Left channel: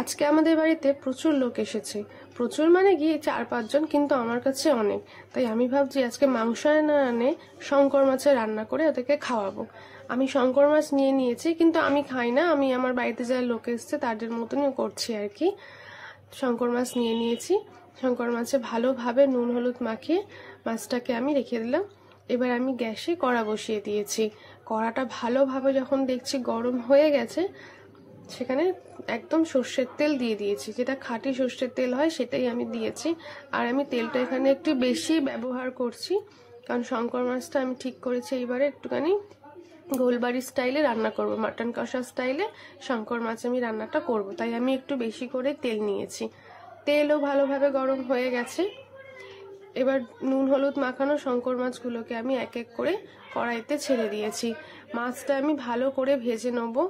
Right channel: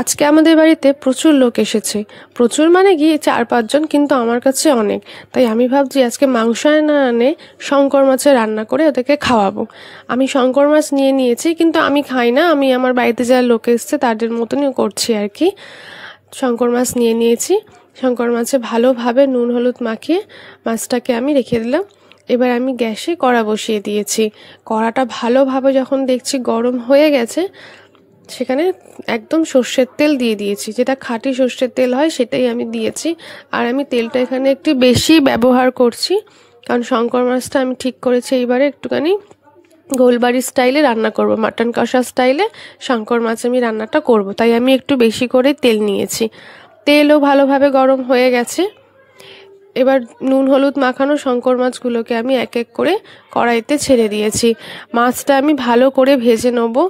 আজকে আমাদের বাড়িতে প্রচুর লোক এসেছে। প্রচুর মানে কি 4-5 জন, কিন্তু আমার কাছে অনেক। তাই আমি ভাবছি আজকে মাংস না আনে শঙ্কর মাছের রান্না করে ওদেরকে খাওয়াবো। আমি শঙ্কর মাছ নিয়ে নিয়েছি, কিন্তু আমি খাই না। আমি আমার বাড়িতে যারা লোক এসছে তাদের মতনই করছি আর কি। শঙ্কর মাছ নিয়ে নিয়েছি। শঙ্কর মাছে ভালোভাবে নুন হলুদ মাখিয়ে মাছটাকে আমি রেখে দিলাম। এবার আমি গ্যাসে কড়া বসিয়ে দিয়েছি। কড়াটা ভালোভাবে যখন দেখছি গরম হয়ে গেছে, সেখানে একদম সর্ষের তেল দিয়ে দিয়েছি, যেটা খাঁটি সর্ষের তেল হয় সেটাই আমি দিয়েছি। আর আমি তেলটা এখানে একটু বেশি ব্যবহার করছি, কারণ শঙ্কর মাছটা আমি ঠিক করেছি এইবারে একটুখানি গোলবাড়ি স্টাইলে রান্না করব, মাটন কষা স্টাইলে শঙ্কর মাছ আমি রান্নাটা করব। তাই আমি একটু বেশি করে তেল নিয়েছি। তেলও ভালোভাবে গরম হয়ে গেছে। এবার নুন হলুদ মাখানো শঙ্কর মাছগুলোকে আমি এক এক করে কড়াইতে ছেড়ে দিয়েছি। মাছটা আমি ভালো করে ভেজে নেবো।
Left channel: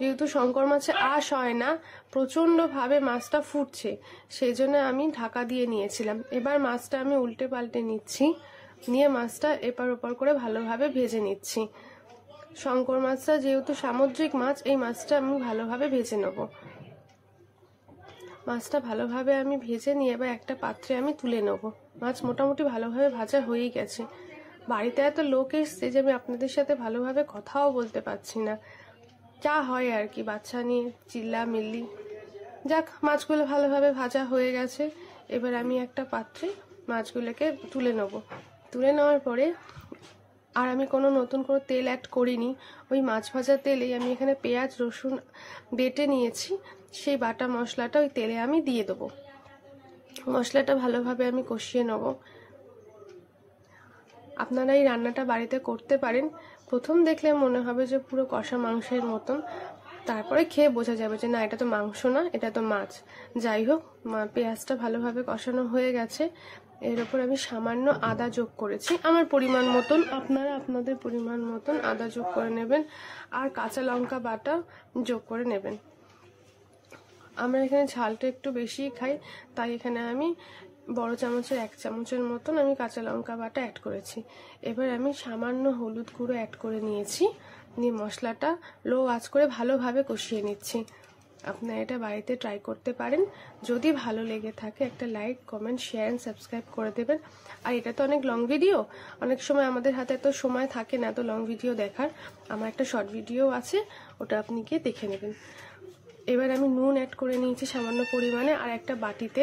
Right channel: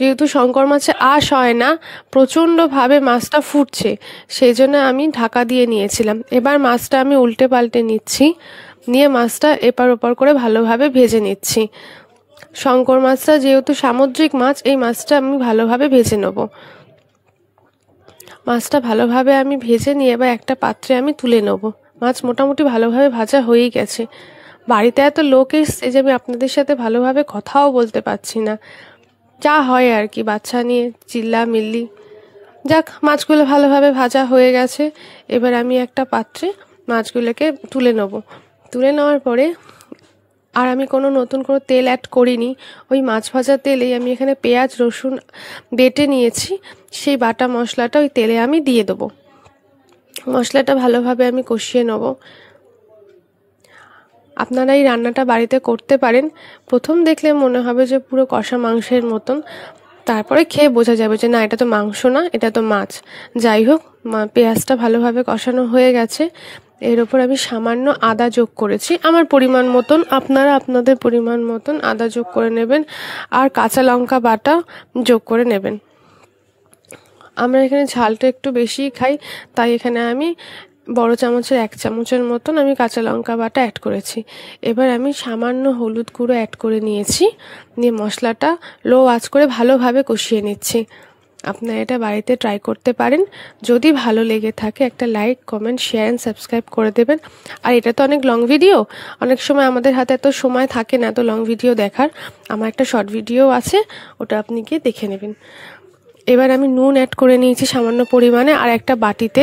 যেহেতু শঙ্কর মাছে আঁশ হয় না, প্রচণ্ডভাবে মাছটা ফুটছে, সেই জন্য আমি ঢাকা দিয়ে নিয়েছিলাম। এবার মাছটা আমি উল্টে পাল্টে নিচ্ছি, নিয়ে মাছটা এপার ওপার করে ভালোভাবে ভেজে নিচ্ছি। শঙ্কর মাছটা যেহেতু সামুদ্রিক মাছ, এই মাছটা আমি ভালোভাবে ভেজে নেব। মাছটা ভালোভাবে আমি ভেজে নিয়ে এবার একটা পাত্রে আমি তুলে নেব। মাছ মোটামুটি ভালোভাবে ভাজা হয়েই গেছে। বাড়িতে এত লোক এসছে যে আমি আপনাদের সাথে ভালোভাবে কথাও বলতে পারছি না। যা হয় আর কি, বাচ্চা নিয়ে চিল্লা মিল্লি। যাক, মাছগুলো ভালোভাবে ভাজা হয়ে গেছে। এবার আমি একটা পাত্রে মাছগুলোকে তুলে নেব। তুলে নেওয়ার পরে আর আমি কোনো নতুন করে তেল অ্যাড করিনি। ওই মাছ ভাজা তেলেই আমি এখানে পেঁয়াজ রসুন বেটে নিয়েছি, সেই বাটা মশলাটা ওই তেলে আমি দিয়ে দেবো। মশলাটা ভালোভাবে আমি কষিয়ে নেব। আপনারা এই রান্নাটা বাড়িতে করতে পারেন। প্রথম দেখলে মনে হবে যে পুরো কষা মাংসের মতন, তারপরে খেয়ে বোঝা যাবে যে না, এটা তো মাংস না, এটা তো মাছ। যাই হোক, পেঁয়াজটা ভালোভাবে কষানো হয়ে গেছে। এর ওপর আমি সামান্য আদা যোগ করেছি, আমার পরিমাণ মতন। আপনারা আপনাদের পরিমাণ মতন আদা যোগ করে নেবেন, আর কাঁচা লঙ্কা বাটা যোগ করে নেবেন। আমরা এখানে ঝালটা একটু বেশিই খাই, তাই এখানে আমি বড় চামচের 1 চামচের মতন আমি কাঁচা লঙ্কা বাটা অ্যাড করেছি। এবার আমি সামান্য হলুদ গুঁড়ো অ্যাড করে নিয়েছি, নিয়ে মশলাটা লো আঁচ করে ভালোভাবে কষিয়ে নিচ্ছি। আপনারা এটা বাড়িতে ট্রাই করতে পারেন। যদি ভালো লেগে থাকে একটা like comment share and subscribe করে দেবেন। আর এটা তো অনেক লং ভিডিও, অনেক সময় আমাদের হাতে এত সময় থাকে না এত লং ভিডিও দেখার। আমার একটা শর্ট ভিডিও আছে, ওটা আপনি গিয়ে দেখে নেবেন। এবার আমি নুন অ্যাড করে নিয়েছি সামান্য পরিমাণে, আর একটা বাটিতে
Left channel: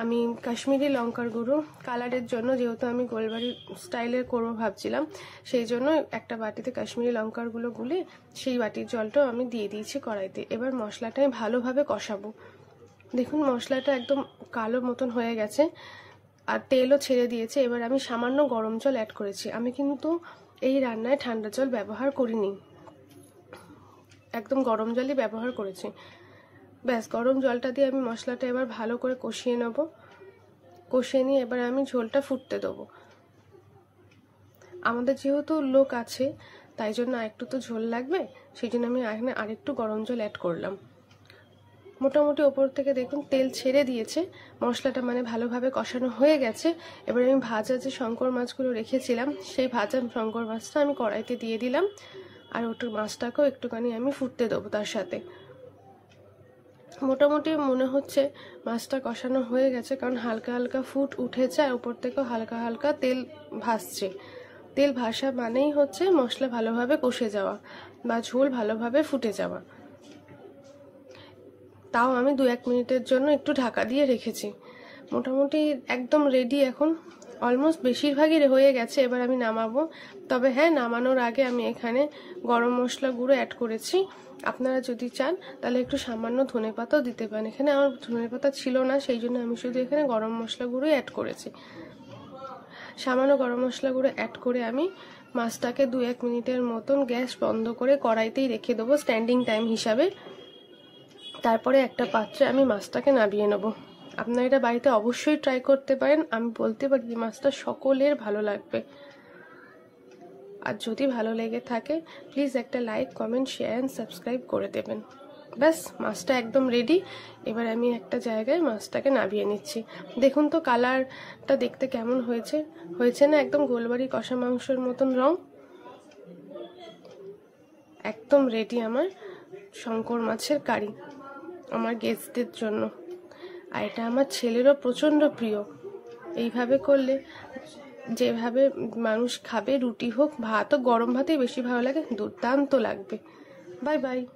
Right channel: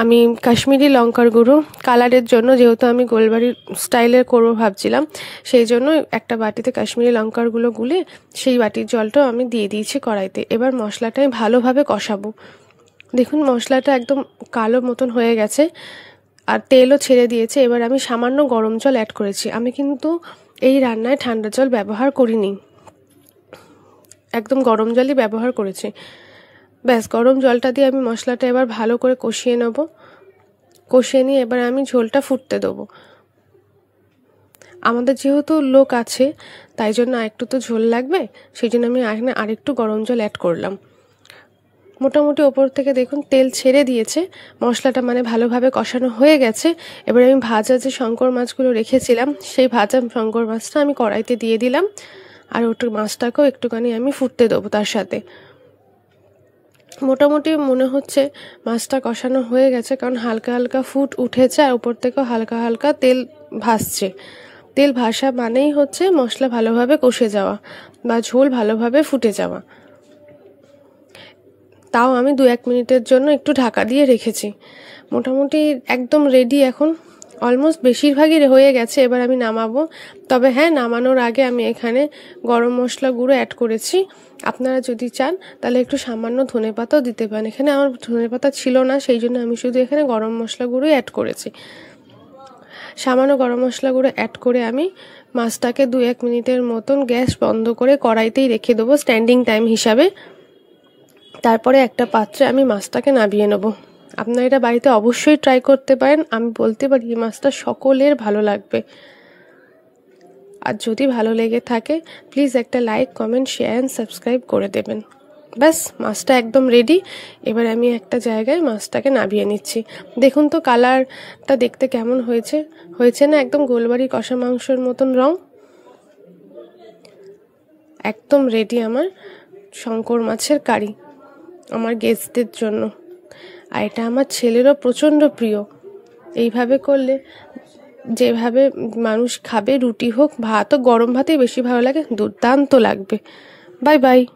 আমি কাশ্মীরি লঙ্কার গুঁড়ো কালারের জন্য, যেহেতু আমি গোলবাড়ির স্টাইলের করবো ভাবছিলাম, সেই জন্য একটা বাটিতে কাশ্মীরি লঙ্কার গুঁড়ো গুলে সেই বাটির জলটাও আমি দিয়ে দিয়েছি কড়াইতে। এবার মশলাটা আমি ভালোভাবে কষাবো। দেখুন মশলাটা একদম কালো মতন হয়ে গেছে আর তেলও ছেড়ে দিয়েছে। এবার আমি সামান্য গরম জল অ্যাড করেছি। আমি কিন্তু এই রান্নায় ঠান্ডা জল ব্যবহার করিনি, একদম গরম জলই ব্যবহার করেছি। ব্যাস, গরম জলটা দিয়ে আমি মশলাটা এবার ভালো করে কষিয়ে নেব। কষিয়ে নিয়ে এবার আমি ঝোলটা ফুটতে দেবো। আমাদের যেহেতু লোক আছে, তাই জন্য একটু তো ঝোল লাগবে, সেই জন্য আমি এখানে আরেকটু গরম জল অ্যাড করলাম। মোটামুটি ওপর থেকে দেখুন তেল ছেড়ে দিয়েছে, মশলাটা মানে ভালোভাবে কষানো হয়ে গেছে। এবার আমি ভাজা যে শঙ্কর মাছগুলো রেখেছিলাম, সেই ভাজা শঙ্কর মাছটা আমি কড়াইতে দিয়ে দিলাম, আর ওটার মাছটাকেও একটুখানি আমি ফুটতে দেবো তার সাথে। মোটামুটি মনে হচ্ছে মাছটা কষানো হয়ে গেছে, কারণ হালকা হালকা ফুট উঠেছে আর উপর থেকেও হালকা হালকা তেল ভাসছে। তেল ভাসা মানেই হচ্ছে মশলা ভালোভাবে কষে যাওয়া বা ঝোল ভালোভাবে ফুটে যাওয়া। তাও আমি 2-1 মিনিটের জন্য একটু ঢাকা দিয়ে রেখেছি। মোটামুটি একদম রেডি এখন, অলমোস্ট বেশিরভাগই হয়ে গেছে। এবার আমি নামাবো। তবে হ্যাঁ, নামানোর আগে আমি এখানে গরম মশলা গুঁড়ো অ্যাড করেছি। আপনারা যদি চান তাহলে একটু সামান্য ধনেপাতাও দিতে পারেন। এখানে আমার ধনেপাতা ছিল না, সেই জন্য আমি শুধু এখানে গরম মশলা গুঁড়োই অ্যাড করেছি। সামান্য গরম মশলা গুঁড়ো অ্যাড করে আমি মাছটাকে 2-1 মিনিটের মতন গ্যাস বন্ধ করে কড়াইতেই রেখে দেবো স্ট্যান্ডিং টাইম হিসাবে। তারপরে একটা পাত্রে আমি মাছটাকে নামিয়ে নেব। আপনারা এটা বাড়িতে অবশ্যই ট্রাই করতে পারেন। আমি বলতে পারি এই মাছটা সকলের ভালো লাগবে। আর যদি ভালো লেগে থাকে প্লিজ একটা like comment share and subscribe করে দেবেন। ব্যাস, মাছটা একদম রেডি। এবার আমি একটা জায়গায় মাছটাকে নামিয়ে নিচ্ছি। দেখুন তো কালারটা দেখতে কেমন হয়েছে, হয়েছে না একদম গোলবাড়ি কষা মাংসর মতন রং। একদম রেডি আমার শঙ্কর মাছের কারি। আমার গেস্টদের জন্য। আর এটা আমার ছেলেরও প্রচণ্ড প্রিয়। এইভাবে করলে যেভাবে মানুষ খাবে, রুটি হোক ভাতও, গরম ভাতেই বেশি ভালো লাগে, দুর্দান্ত লাগবে। Bye bye.